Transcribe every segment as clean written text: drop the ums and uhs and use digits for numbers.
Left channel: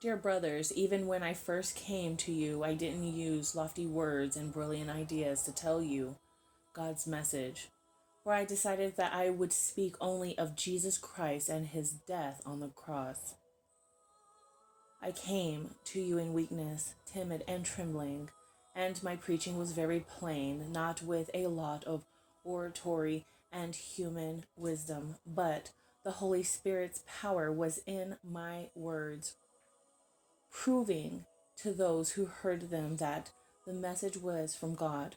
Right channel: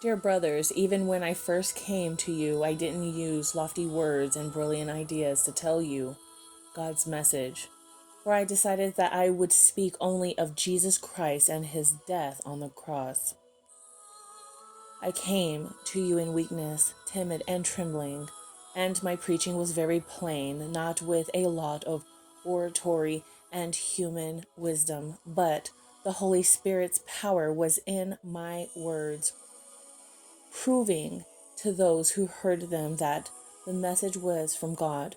Dear brothers, even when I first came to you, I didn't use lofty words and brilliant ideas to tell you God's message, for I decided that I would speak only of Jesus Christ and his death on the cross. I came to you in weakness, timid and trembling, and my preaching was very plain, not with a lot of oratory and human wisdom, but the Holy Spirit's power was in my words, proving to those who heard them that the message was from God.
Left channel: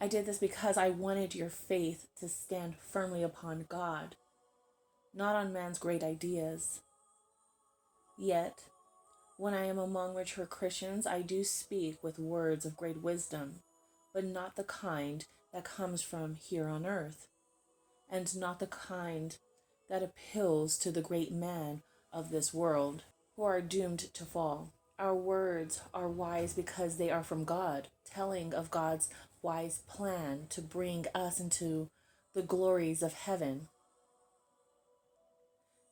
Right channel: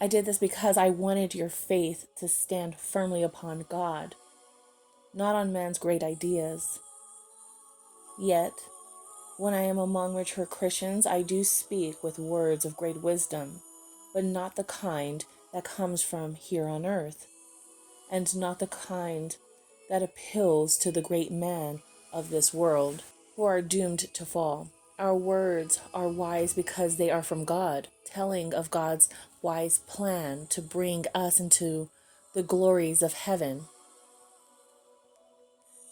I did this because I wanted your faith to stand firmly upon God, not on man's great ideas. Yet, when I am among mature Christians, I do speak with words of great wisdom, but not the kind that comes from here on earth, and not the kind that appeals to the great man of this world, who are doomed to fall. Our words are wise because they are from God, telling of God's wise plan to bring us into the glories of heaven.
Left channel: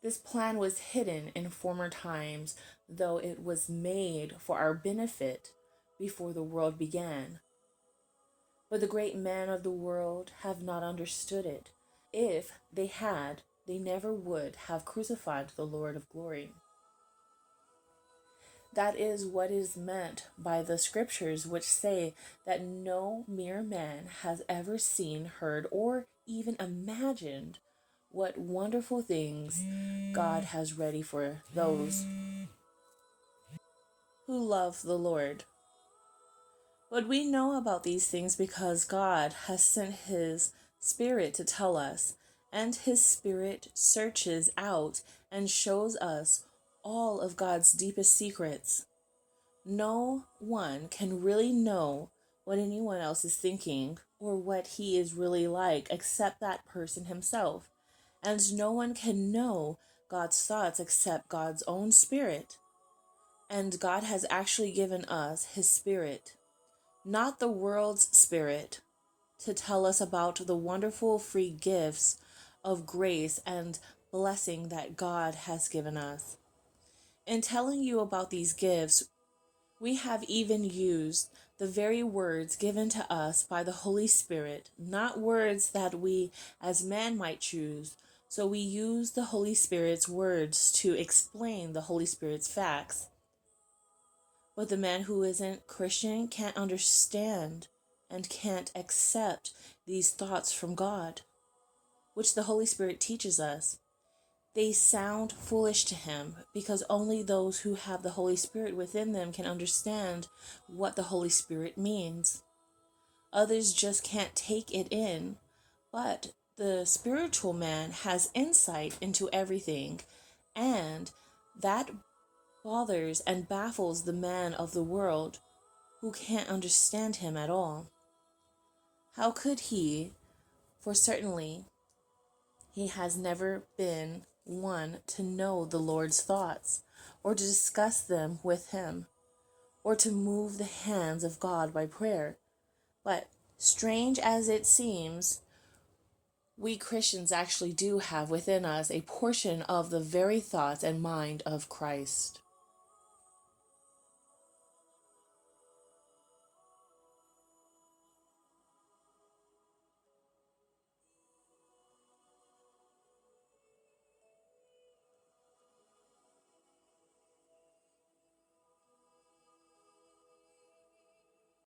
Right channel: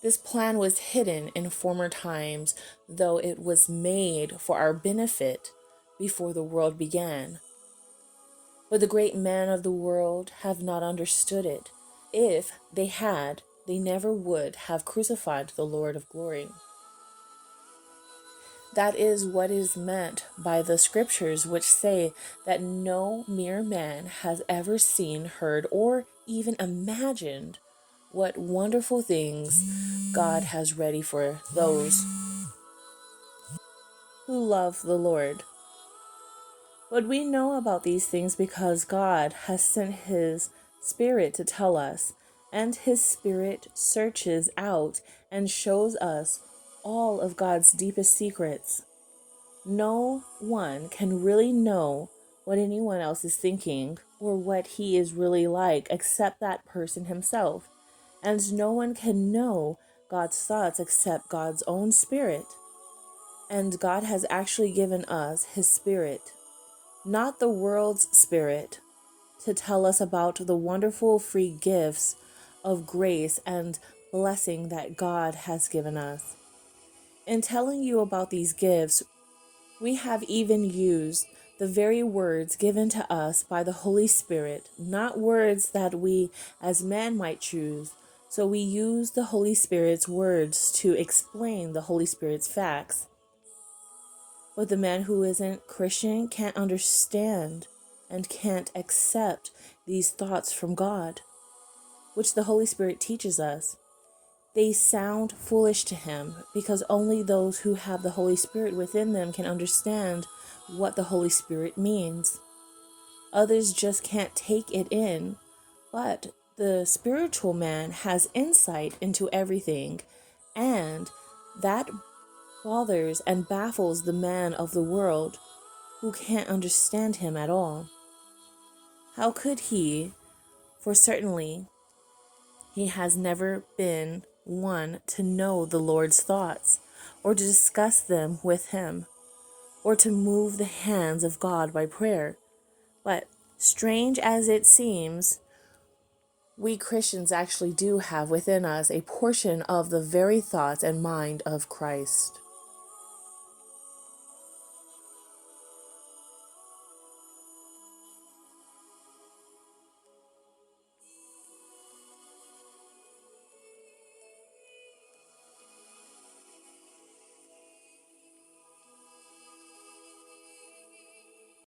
This plan was hidden in former times, though it was made for our benefit before the world began. But the great men of the world have not understood it. If they had, they never would have crucified the Lord of glory. That is what is meant by the scriptures, which say that no mere man has ever seen, heard, or even imagined what wonderful things God has ready for those who love the Lord. But we know about these things because God has sent his Spirit to tell us, and his Spirit searches out and shows us all of God's deepest secrets. No one can really know what anyone else is thinking or what he is really like except that person himself. And no one can know God's thoughts except God's own Spirit. And God has actually given us his Spirit, not the world's spirit, to tell us about the wonderful free gifts of grace and blessing that God has given us. In telling you about these gifts, we have even used the very words given to us by the Holy Spirit, not words that we as men might choose. So we use the Holy Spirit's words to explain the Holy Spirit's facts. But the man who isn't Christian can't understand and can't accept these thoughts from God, which the Holy Spirit teaches us. They sound foolish to him because only those who have the Holy Spirit within them can understand what the Holy Spirit means. Others just can't take it in, but the spiritual man has insight into everything, and that bothers and baffles the man of the world who can't understand him at all. How could he? For certainly he has never been one to know the Lord's thoughts, or to discuss them with him, or to move the hands of God by prayer. But strange as it seems, we Christians actually do have within us a portion of the very thoughts and mind of Christ.